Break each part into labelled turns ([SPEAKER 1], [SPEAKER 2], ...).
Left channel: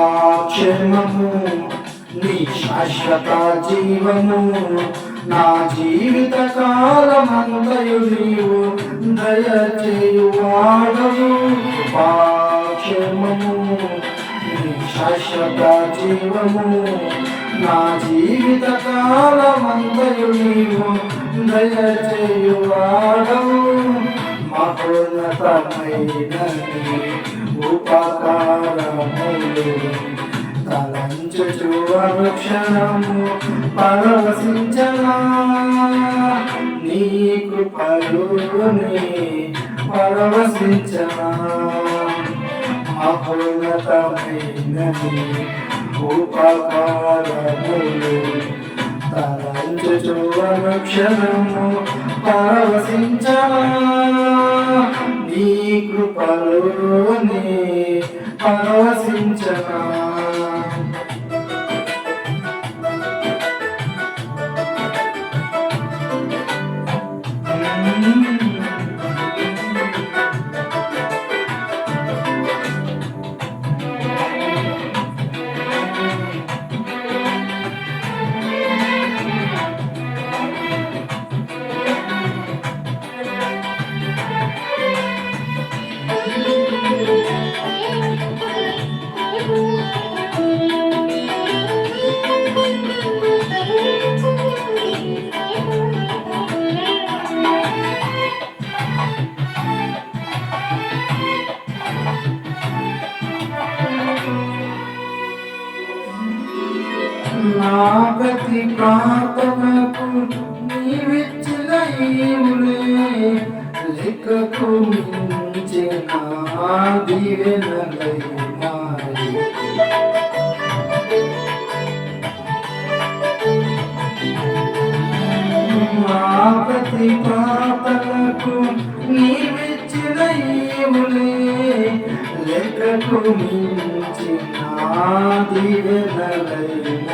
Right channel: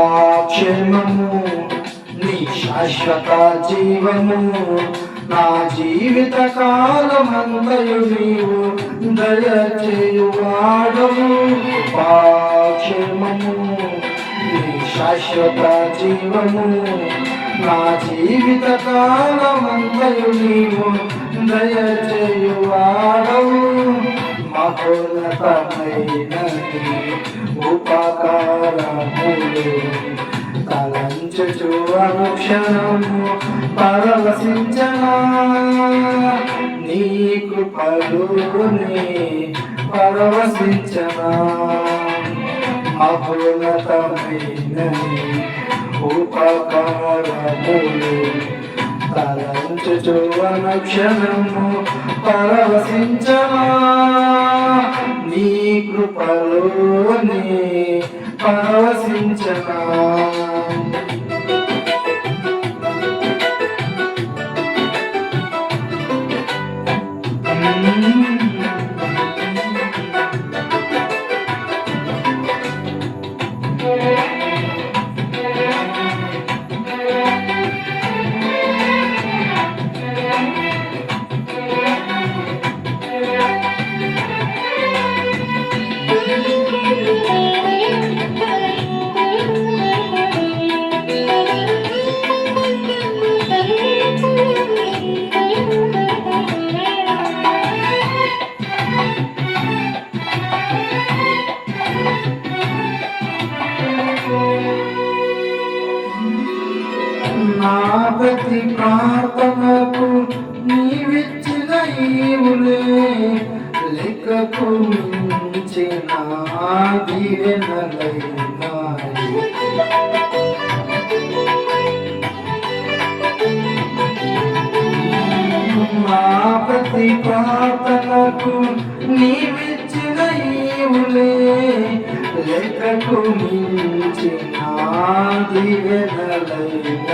[SPEAKER 1] కృపాక్షేమము నీ శాశ్వత జీవము నా జీవిత కాలమంతయు నీవు దయచేయువాడము కృపాక్షేమము నీ శాశ్వత జీవము నా జీవిత కాలమంతయు నీవు దయచేయువాడము మహోన్నతమైనది ఉపకారము తలంచుచు అనుక్షణం పరవశించనా? నీ కృపలోనే పరవశించనా? మహోన్నతమైనది ఉపకారములు తలంచుచు అనుక్షణము పరవశించనా? నీ కృపలోనే పరవశించనా? ఈవులే లెక్కకు నీవిచ్చిన ఈవులే లెక్కకు మించిన దీవెనలైనాయి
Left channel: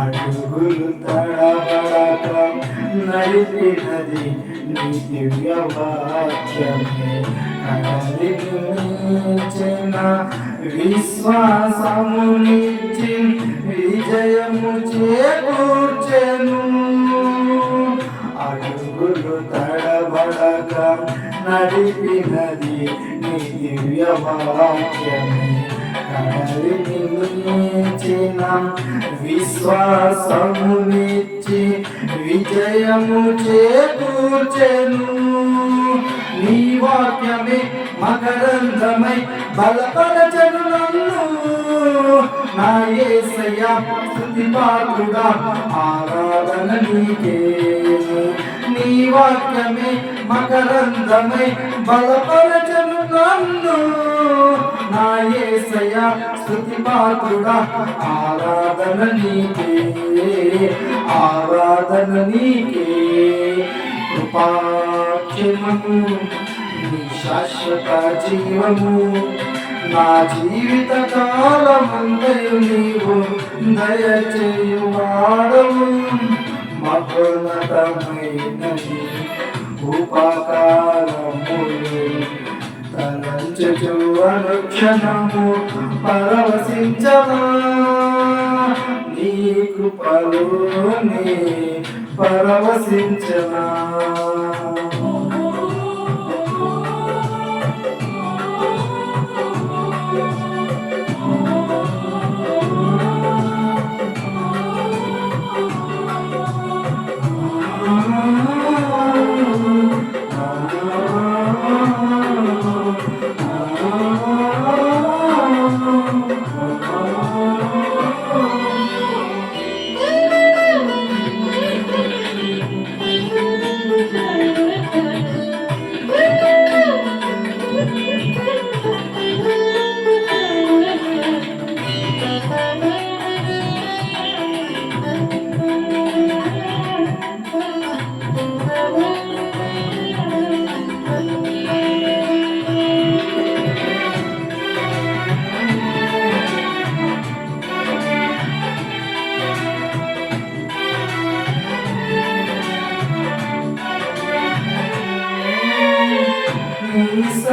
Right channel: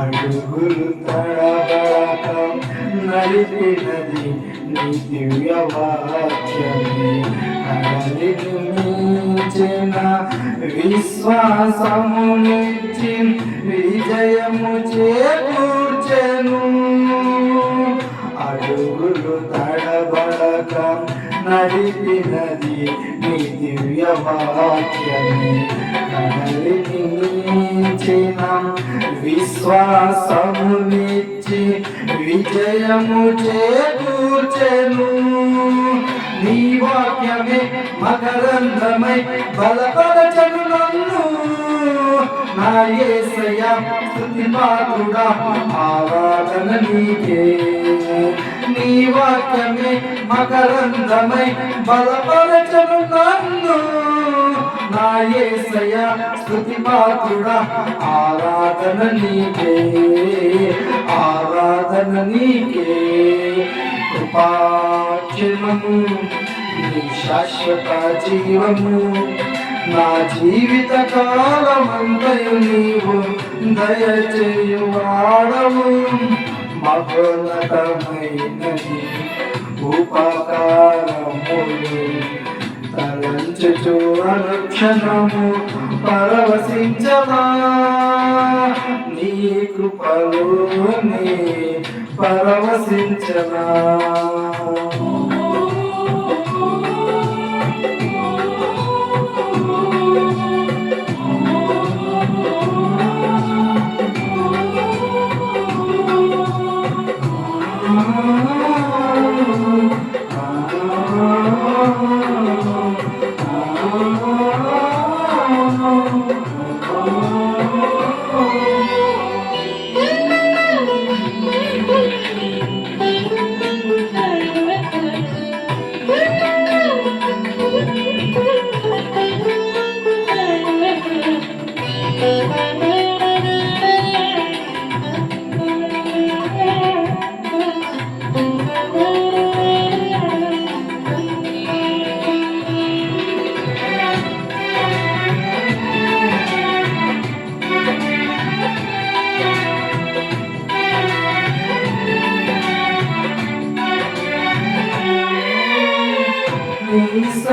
[SPEAKER 1] అడుగులు నడిపినది నీ దివ్య వాక్యమే కడలికి మించిన విశ్వాసమునిచ్చి విజయము చేకూర్చెను. అడుగులు తడబడక నడిపినది నీ దివ్య వాక్యమే కడలిని విశ్వాసమునిచ్చి విజయము చేకూర్చెను. నీ వాక్యమే మకరంధమై బలపరచను నన్ను. నా ఏసయ్య స్తుతి పాత్రుడా ఆరాధన నీకే. నీ వాక్యమే మకరంధమై బలపరచను నన్ను. నా ఏసయ స్థుతి పాత్రుడా ఆరాధన నీకే ఆరాధన నీకే. కృపాక్షణము నీ శాశ్వత జీవము నా జీవిత కాలమంతయు నీవు దయచేయువాడము. మహోన్నతమైనది ఉపకారములు తలంచుచు అనుక్షణము పరవశించవా నీ కృపలోనే పరవశించవా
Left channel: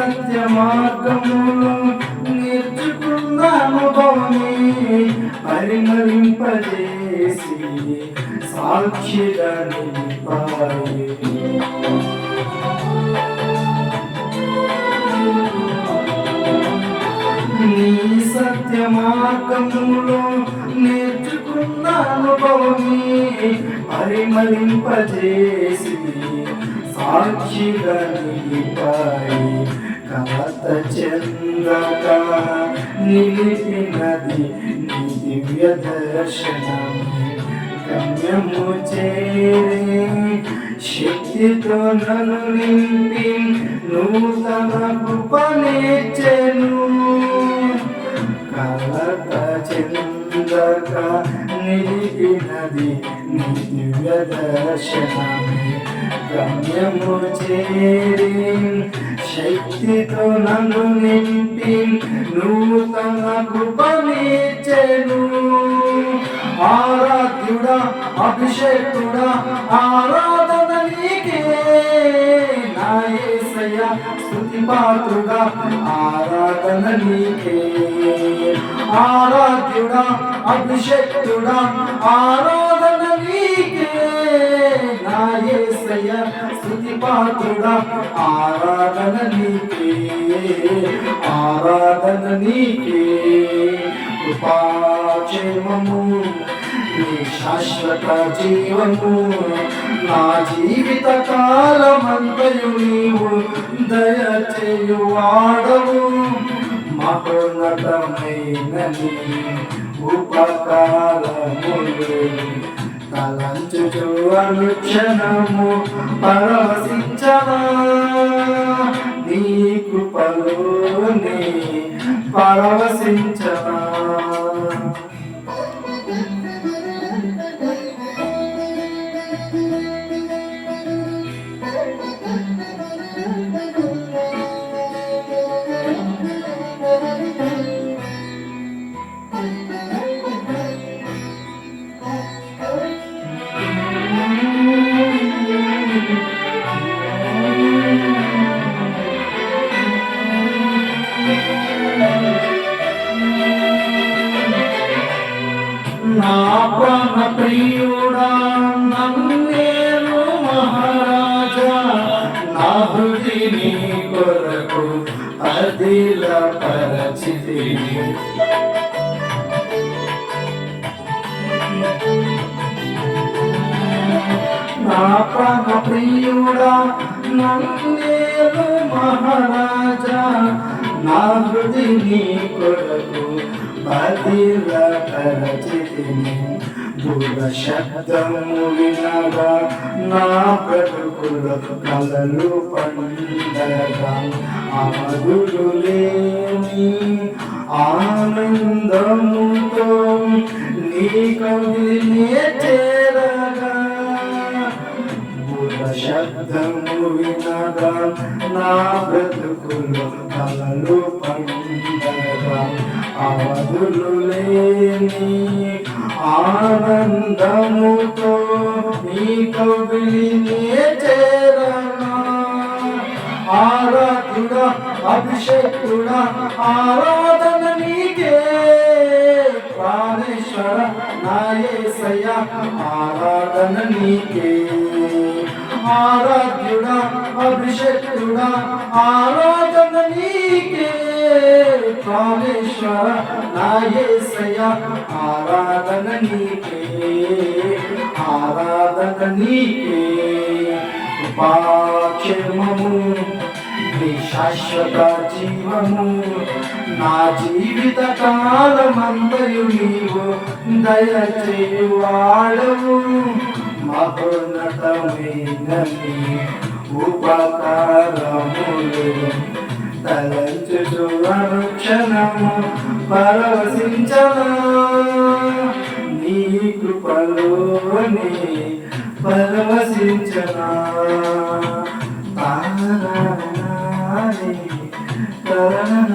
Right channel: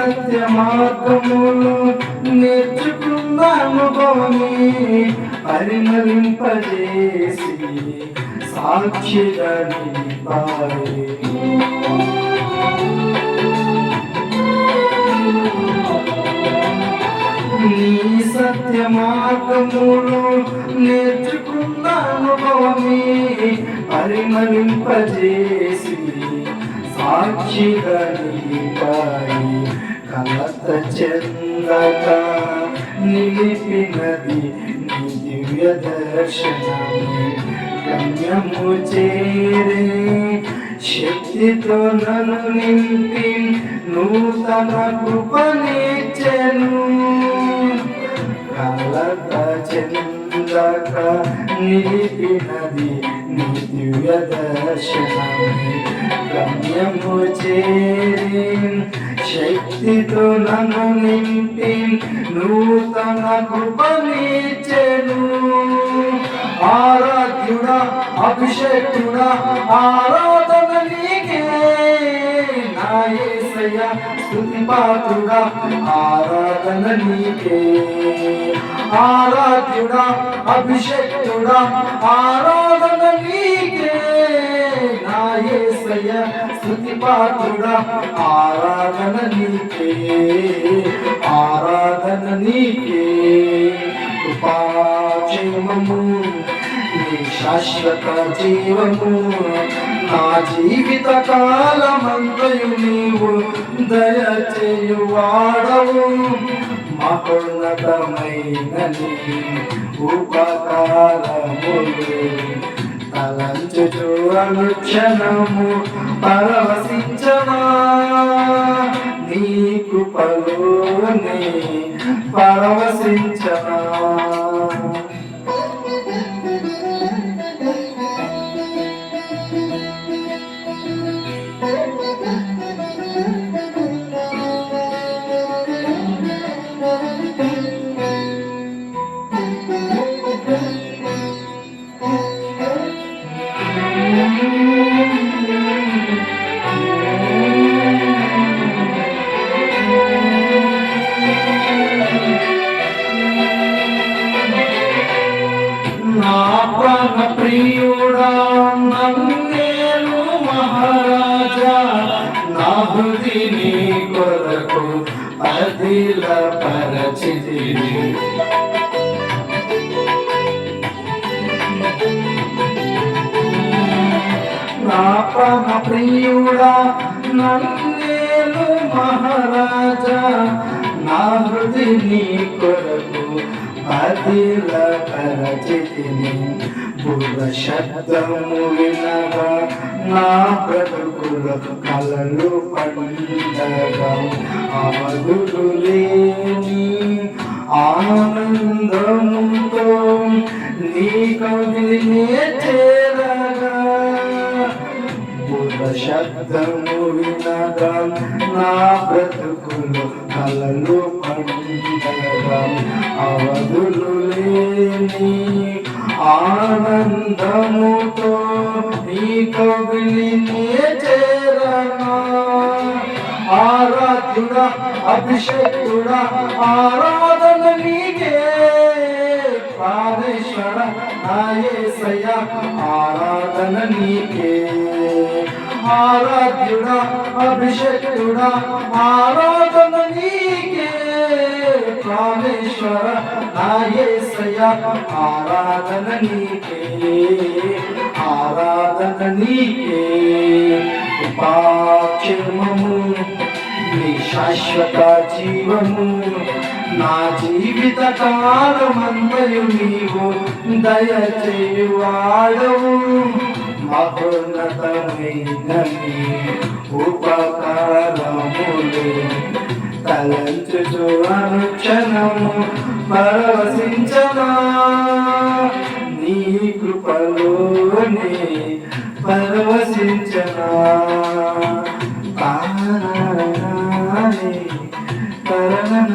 [SPEAKER 1] సత్య మార్గములు నేర్చుకున్న అనుభవమే పరిమళింపజేసి సాక్షిగా నీ సత్య మార్గములు నేర్చుకున్న అనుభవమే పరిమళింపజేసి సాక్షిగా నిలిపాయి కలత నిలిపినది నీ దివ్య దర్శనము. గమ్యము చేరే శక్తితో నన్ను నింపి నూతన కృపనిచ్చెను కలత చెందక నిలిపినది నీ దివ్య దర్శనమే. గమ్యము చేరే శక్తితో నన్ను నింపి నూతన కృపనిచ్చెను ఆరాధ్యుడ అభిషేకుడ ఆరాధన నీకే. నాయసయ స్థుతి పాత్రుడ ఆరాధన నీకే. ఆరాధ్యుడ అభిషేకుడ ఆరాధన నీకే. ఏసయ్య స్థుతి పాత్రుడా. ఆరాధన నీకే ఆరాధన నీకే. కృపాక్షేమము నీ శాశ్వత జీవము. నా జీవిత కాలమంతయు నీవు దయచేయు వాడవు మహోన్నతమైన నీ ఉపకారములు. తలంచుచు అనుక్షణము పరవశించవా? నీ కృపలోనే పరవశించవా అదిల పరచితి నా ప్రాణ ప్రియుడా నన్నేను మహారాజా నా హృది నీ కొరకు పదిల పరచితిని బుధ శబ్దము వినగా నా బ్రతుకులకు కలలు పండగా. ఆదులు లేని ఆనందముతో నీ కవినే చేరగా. బుధ శబ్దము వినగా నా బ్రతుకులు కలలు పండగా. అవధులు లేని ఆనందముతో నీ కవిని చేరనా? ఆరాధ్యుడా అభిషేకుడా ఆరాధన నీకే. ప్రాణేశ్వర నాయసయ ఆరాధన నీకే. ఆరాధ్యుడా అభిషేకుడా ఆరాధన నీకే ప్రాణేశ్వర నాయసయ ఆరాధన నీకే ఆరాధన నీకే కృపాక్షేమము నీ శాశ్వత జీవము నా జీవిత కాలమందయు నీవు దయచేయు వాడవు. మహోన్నతమైన నీ ఉపకారములు తలంచుచు అనుక్షణము పరవశించదా నీ కృపలోనే పరవశించనా. Música